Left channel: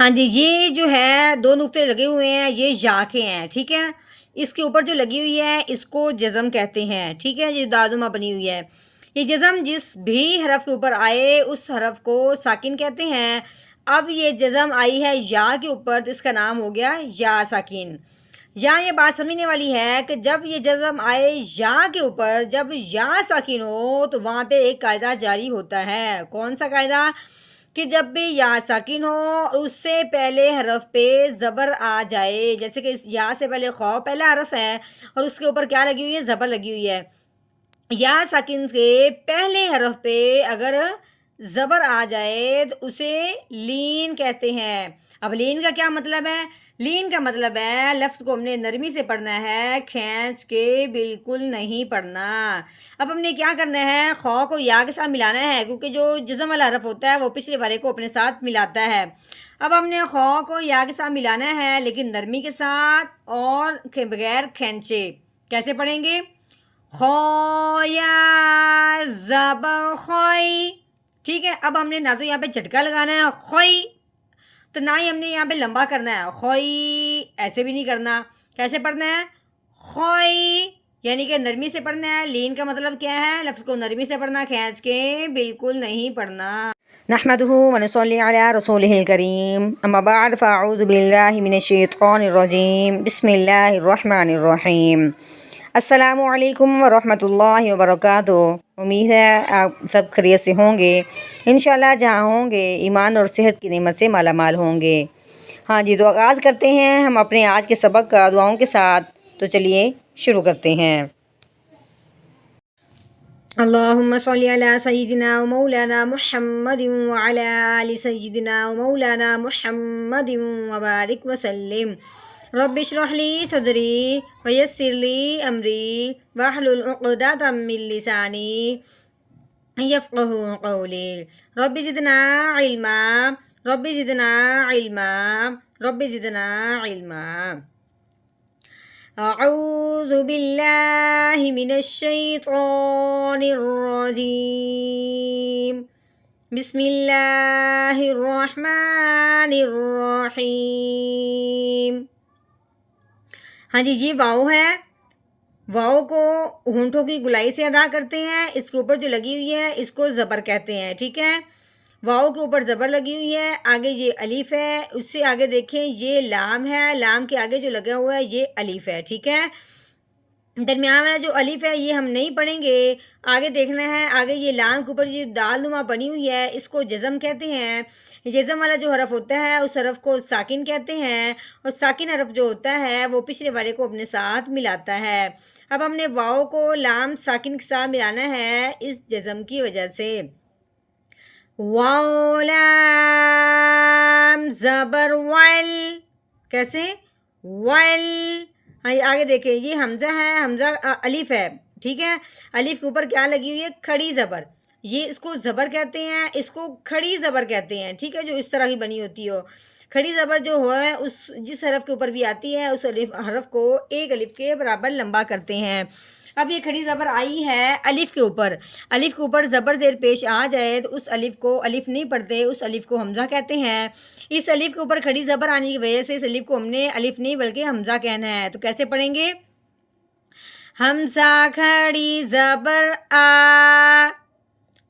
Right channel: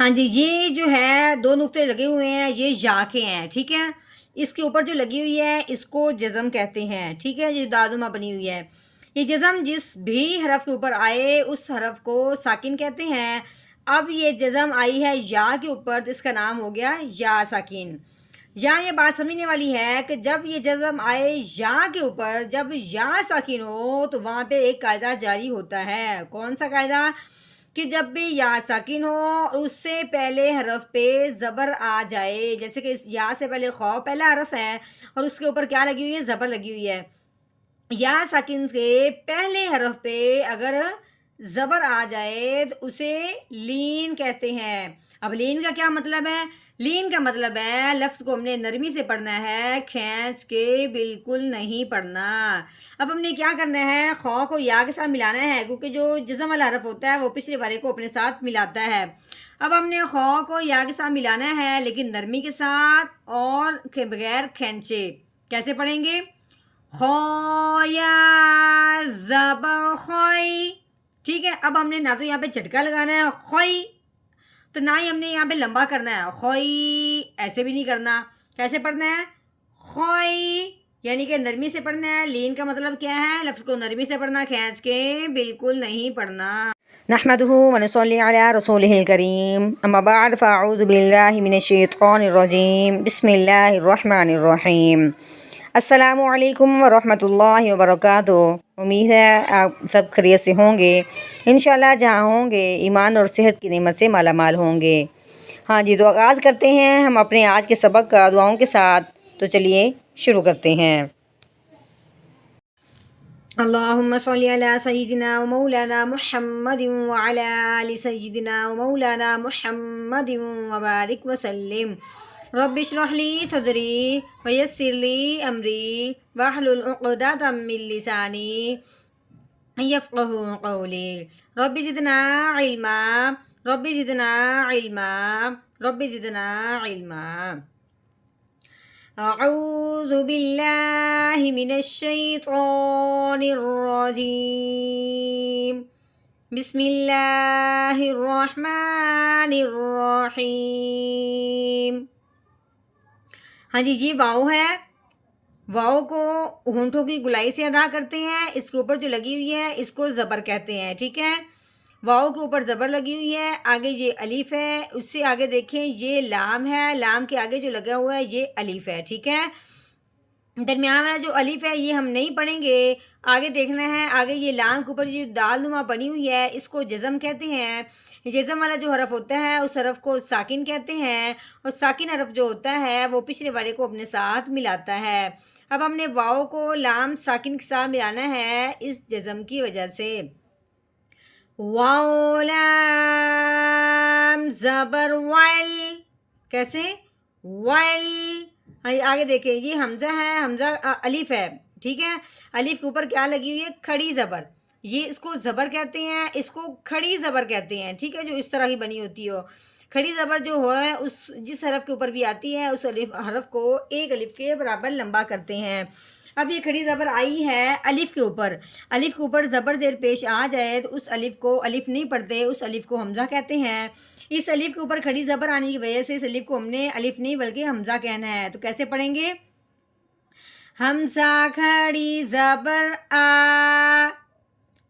ہاں جی، یہ جو ہے 2 نقطے لگے ہوئے ہیں، یہ یا کے ہیں، ٹھیک ہے؟ اس کے اوپر جو لگی ہوئی ہے، اس کو جزم کہتے ہیں، ٹھیک ہے؟ یہ دادمہ بنی ہوئی ہے۔ یہ جزم جس بھی حرف کے اوپر آئے، اس حرف کو ساکن کہتے ہیں۔ اب یہ جزم آئی ہے یا کے اوپر، تو اس کا نام ہو گیا یا ساکن۔ یہاں یہ بات سمجھنے والی ہے کہ جب یہ جزم آئے یا کے اوپر، جب یا ساکن ہو، تو وہاں پہ ایک قاعدہ جاری ہوتا ہے۔ کون سا قاعدہ؟ کہ جب بھی یا ساکن ہو اور اس سے پہلے حرف پہ زبر آ جائے، جیسے کہ اس یا سے پہلے خو پہلا حرف ہے اور اس کے اوپر کیا لگی ہوئی ہے؟ زبر لگی ہوئی ہے۔ یا ساکن کے پہلے حرف پہ اگر زبر آ جائے تو اسے لین کہتے ہیں۔ اب لین کا کیا مطلب ہے؟ لین کا مطلب ہے لفظ کو ہم نے نرمی سے پڑھنا ہے، کھینچ کے بالکل نہیں پڑھنا۔ اب ہم نے کیا کرنا ہے؟ خو کو یا کے ساتھ ملانا ہے، کیونکہ جو جزم والا حرف ہوتا ہے وہ پچھلے والے کو اپنے ساتھ ملاتا ہے۔ اب ہم نے خو کو یا کے ساتھ ملانا ہے، لیکن نرمی کے ساتھ اور بغیر کھینچے۔ کیسے پڑھیں گے؟ خو یا زبر خوئی، ٹھیک ہے؟ اب ہم نے نہ تو یہاں پہ جھٹکا لگانا ہے خوئی، تو نہ ہی ہم نے یہاں پہ لمبا کرنا ہے خوئی، ایسے بھی نہیں کرنا۔ کیسے پڑھنا ہے؟ خوئی، یعنی کہ نرمی سے پڑھنا ہے۔ لین کا مطلب کیا ہے؟ لفظ کو نرمی سے پڑھنا، کھینچ کے بالکل نہیں پڑھنا۔ نحمده ونصلي على رسوله الكريم، اما بعد فاعوذ بالله من الشیطان الرجیم، بسم اللہ الرحمن الرحیم۔ السلام علیکم ورحمۃ اللہ وبرکاتہ۔ امید ہے آپ سب خیریت سے ہوں گے، انشاءاللہ جہاں ہوں گے ایمان اور صحت کی نعمت سے مالا مال ہوں گے۔ ہاں جی، تو آغاز کرتے ہیں ہم اپنے آج کے سبق کا دعاؤں کے ساتھ۔ تو چلیے شروع کرتے ہیں۔ اللہم صلی علی سیدنا و مولانا محمد وعلی آل سیدنا و مولانا محمد وبارک وسلم۔ رب اشرح لی صدری ویسر لی امری واحلل عقدۃ من لسانی یفقہوا قولی۔ رب زدنا علما، رب زدنا علما، رب زدنا علما۔ اعوذ باللہ من الشیطان الرجیم، بسم اللہ الرحمن الرحیم۔ ہاں جی، یہ واؤ ہے۔ واؤ کو ہونٹوں کی گلائی سے ادا کرتے ہیں۔ اس کے اوپر جو لگی ہوئی ہے اس کو زبر کہتے ہیں، ٹھیک ہے؟ واؤ کے اوپر زبر لگی ہوئی ہے، آگے یہ الف ہے، اس سے آگے دیکھیں یہ لام ہے، لام کے آگے جو لگا ہوا ہے یہ الف ہے، ٹھیک ہے؟ درمیان والا جو الف ہے یہ ہم نہیں پڑھیں گے، آگے دیکھنا ہے۔ آگے یہ لام کے اوپر جو دال نما بنی ہوئی ہے اس کو جزم کہتے ہیں۔ جزم والا جو حرف ہوتا ہے اس حرف کو ساکن کہتے ہیں، اور ساکن حرف جو ہوتا ہے وہ پچھلے والے کو اپنے ساتھ ملاتا ہے۔ اب ہم نے واؤ کو لام ساکن کے ساتھ ملانا ہے اس جزم کی وجہ سے۔ واو لام زبر ول، کیسے؟ ول۔ آگے دیکھیں یہ حمزہ ہے، حمزہ الف ہے، ٹھیک ہے؟ الف کے اوپر کیا لگی ہوئی ہے؟ کھڑی زبر۔ یہ اس کو زبر کہتے ہیں، اس کو کھڑی زبر کہتے ہیں، ٹھیک ہے؟ جو اس طرح کی بنی ہوتی ہو۔ کھڑی زبر جو ہے اس جس حرف کے اوپر بھی آتی ہے اس حرف کو ایک الف کے برابر لمبا کرتے ہیں۔ اب یہ کھڑی زبر آئی ہے الف کے اوپر، الف کے اوپر زبر زیر پیش آ جائے تو اس الف کو الف نہیں پڑھتے، اس الف کو حمزہ کہتے ہیں۔ اس الف کے اوپر کھڑی زبر آنے کی وجہ سے اس الف کو ہم نے الف نہیں بلکہ حمزہ کہنا ہے۔ تو کیسے پڑھیں گے؟ حمزہ کھڑی زبر آ،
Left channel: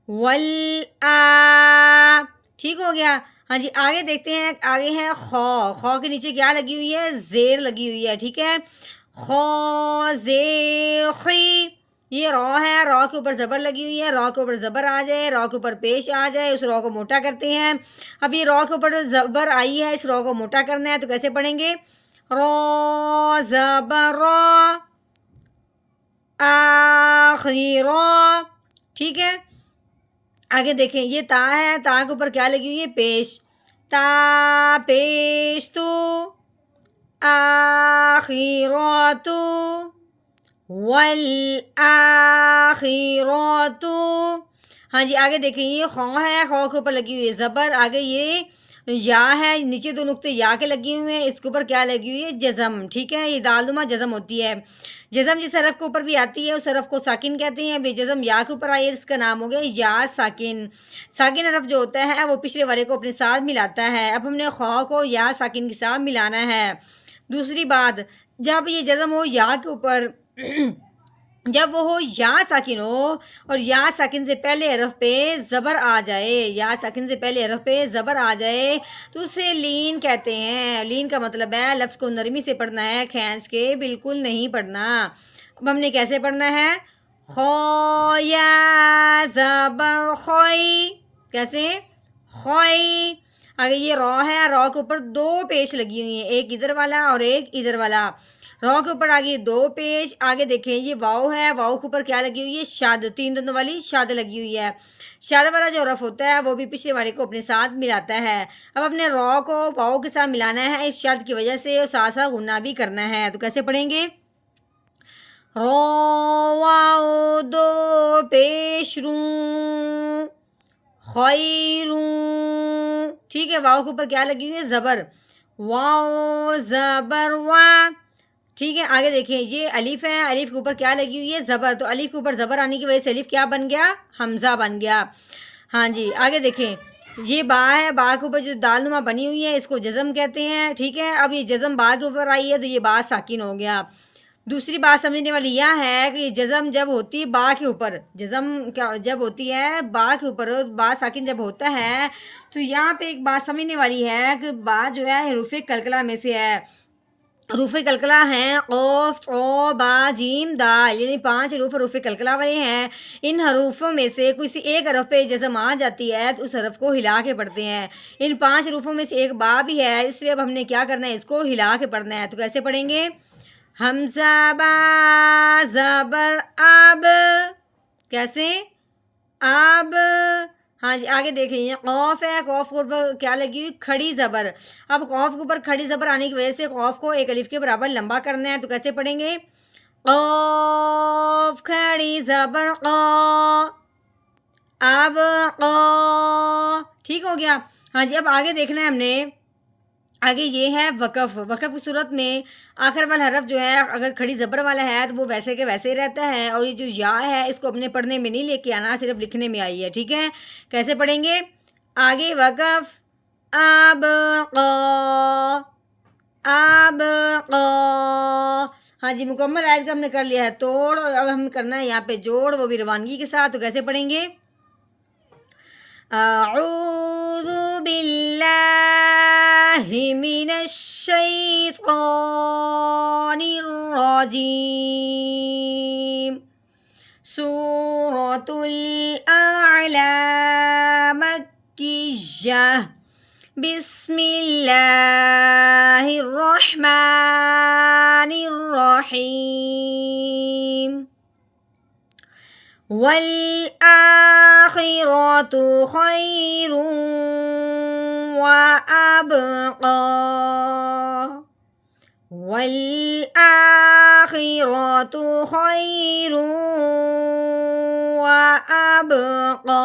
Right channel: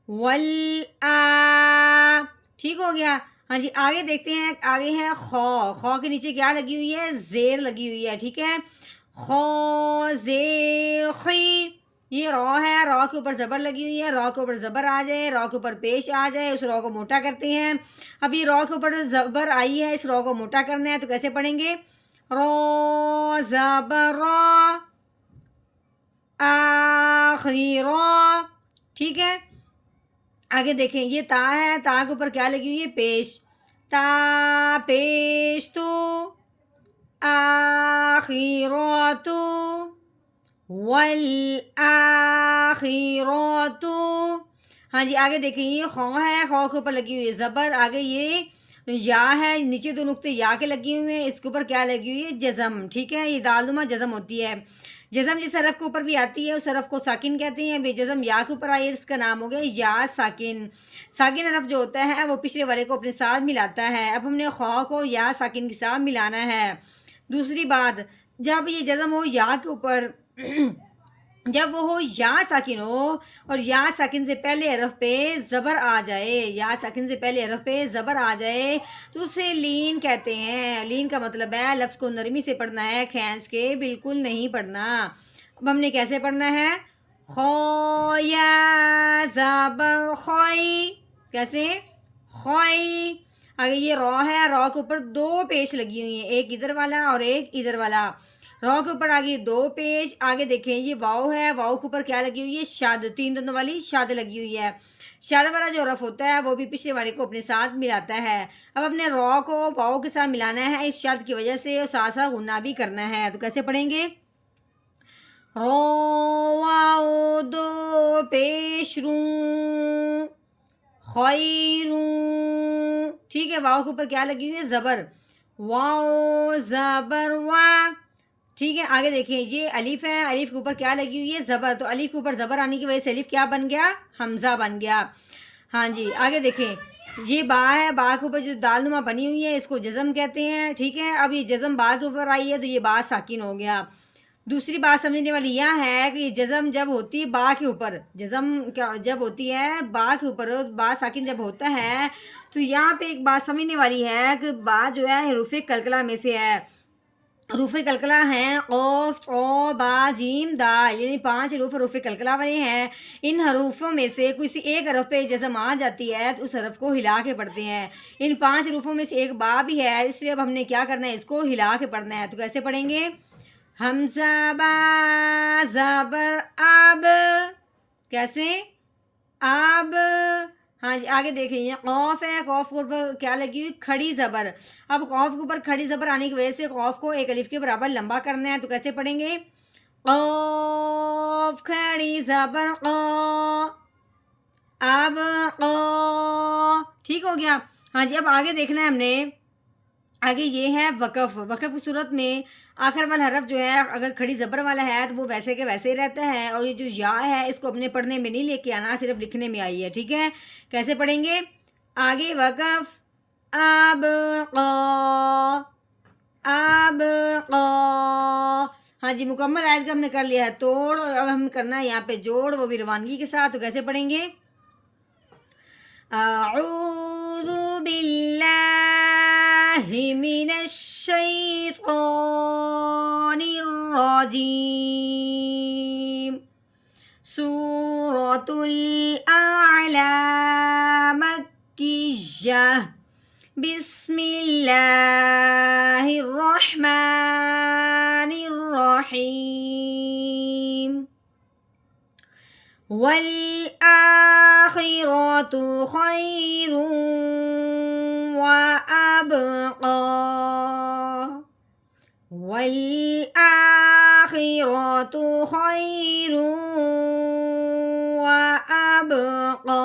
ول آ، ٹھیک ہو گیا؟ ہاں جی، آگے دیکھتے ہیں، آگے ہے خو۔ خو کے نیچے کیا لگی ہوئی ہے؟ زیر لگی ہوئی ہے، ٹھیک ہے؟ خو زیر خی، یہ رو ہے، رو کے اوپر زبر لگی ہوئی ہے، رو کے اوپر زبر آ جائے، رو کے اوپر پیش آ جائے، اس رو کو موٹا کرتے ہیں۔ اب یہ رو کے اوپر زبر آئی ہے، اس رو کو موٹا کرنا ہے، تو کیسے پڑھیں گے؟ رو زبر رو، آخری رو، ٹھیک ہے؟ آگے دیکھیں یہ تا ہے، تا کے اوپر کیا لگی ہوئی ہے؟ پیش، تا پیش تو، آخراتو، والآخراتو۔ ہاں جی، آگے دیکھیں یہ خو ہے، خو کے اوپر لگی ہوئی ہے زبر، آگے یہ یا ہے، نیچے دو نقطے یا کے لگے ہوئے ہیں، اس کے اوپر کیا لگی ہوئی ہے؟ جزم، ٹھیک ہے، یہ دالما جزم ہوتی ہے۔ جزم جس حرف کے اوپر بھی آتی ہے اس حرف کو ساکن کہتے ہیں، بے جزم یا کے اوپر آئی ہے اس کا نام ہو گیا یا ساکن۔ ساکن حرف جو ہوتا ہے وہ پچھلے والے کو اپنے ساتھ ملاتا ہے۔ اب ہم نے خواہ کو یا ساکن کے ساتھ ملانا ہے۔ دوسری بات، جب یہ جزم ہو یا کے اوپر جب وہ ہو یا ساکن ہو اور یا ساکن سے پہلے حرف پہ زبر آ جائے، یا ساکن سے پہلے حرف پہ زبر آ جائے تو اسے لین کہتے ہیں۔ لین کا مطلب ہے لفظ کو نرمی سے پڑھنا ہے، کھینچ کے بالکل نہیں پڑھنا۔ اب ہم نے کیسے پڑھنا ہے؟ خو یا زبر خوئی، کیسے؟ خوئی۔ آگے یہ رو ہے، رو کے اوپر دو پیش لگی ہوئی ہیں، ایک ادھر والا اور ایک ادھر والا۔ رو کے اوپر آگے دو پیش، آگے دیکھیں یہ واؤ ہے، واؤ کے اوپر کیا لگی ہوئی ہے؟ شاد، تین دندوں والی شاد لگی ہوئی ہے۔ شاد والا جو حرف ہوتا ہے وہ بھی پچھلے والے کو اپنے ساتھ ملاتا ہے۔ اب اپنے رو کو واؤ کے ساتھ ملانا ہے، اس شاد کی وجہ سے ساتھ ساتھ غنہ بھی کرنا ہے۔ تو کیسے پڑھیں گے؟ رو واؤ دو پیش روں خیروں، ٹھیک ہے، واؤ کے اوپر کیا لگی ہوئی ہے؟ زبر، واؤ زبر وا، ٹھیک ہے۔ آگے دیکھیں یہ الف ہے، الف کے اوپر کیا لگی ہوئی ہے؟ زبر، تو الف کے اوپر زبر آنے کی وجہ سے الف کیا بن گیا؟ حمزہ بن گیا۔ ہاں جی، آگے دیکھیں یہ با ہے، با کے اوپر جو دال نما بنی ہوئی ہے اس کو جزم کہتے ہیں، ٹھیک ہے۔ اب یہ جزم با کے اوپر آئی ہے تو یہ با ساکن ہو گیا۔ دوسری بات سمجھنے والی یہ ہے کہ جزم جب ہوتی با کے اوپر، جزم جب ہوتی ہے با کے اوپر، با ساکن جب ہوتا ہے تو یہاں پہ ایک بات سمجھنے والی ہے کہ با جو ہے حروف کلکلہ میں سے ہے۔ حروف کلکلہ ہیں قاف، او، با، جیم، دال، یعنی 5 حروف کلکلہ والے ہیں۔ ان حروفوں میں سے کسی ایک حرف پہ جزم آ جاتی ہے تو اس حرف کو ہلا کے پڑھتے ہیں۔ ان 5 حروفوں میں سے ایک با بھی ہے، اس لیے اب ہم نے کیا کرنا ہے؟ اس کو ہلا کے پڑھنا ہے۔ تو کیسے پڑھیں گے؟ حمزہ با زبر اب، کیسے؟ اب، ہاں جی، آگے دیکھ لیجیے قوف ہے، قوف کے اوپر کیا لگی ہوئی؟ کھڑی زبر۔ اب قوف کے اوپر کھڑی زبر آنے کی وجہ سے قوف کو ایک الف کے برابر لمبا کرنا ہے، تو کیسے پڑھیں گے؟ قوف کھڑی زبر قا، اب قا، ٹھیک ہو گیا۔ ہاں جی، اب آگے دیکھنا ہے ہم نے، آگے یہ ہے وقف۔ وقف کی صورت میں آخر والا حرف جو ہے اگر کھڑی زبر والا ہے تو وہ ویسے کے ویسے ہی رہتا ہے، اور یہ جو یا ہے اس کو اپنے پڑھنے میں نہیں لے کے آنا، صرف لکھنے میں آئی ہے، ٹھیک ہے۔ کیسے پڑھیں گے؟ آگے وقف اب قا، اب قا، ہاں جی، مکمل آیت کا ہم نے کر لیا ہے توڑ، اور اب ہم کرنا ہے یہاں پہ جوڑ، وہ بھی روانگی کے ساتھ۔ تو کیسے پڑھیں گے؟ اعوذ باللہ من الشیطان الرجیم، سورۃ الاعلی مکیہ، بسم اللہ الرحمن الرحیم، والآخرۃ خیر وابقی، والآخرۃ خیر وابقی،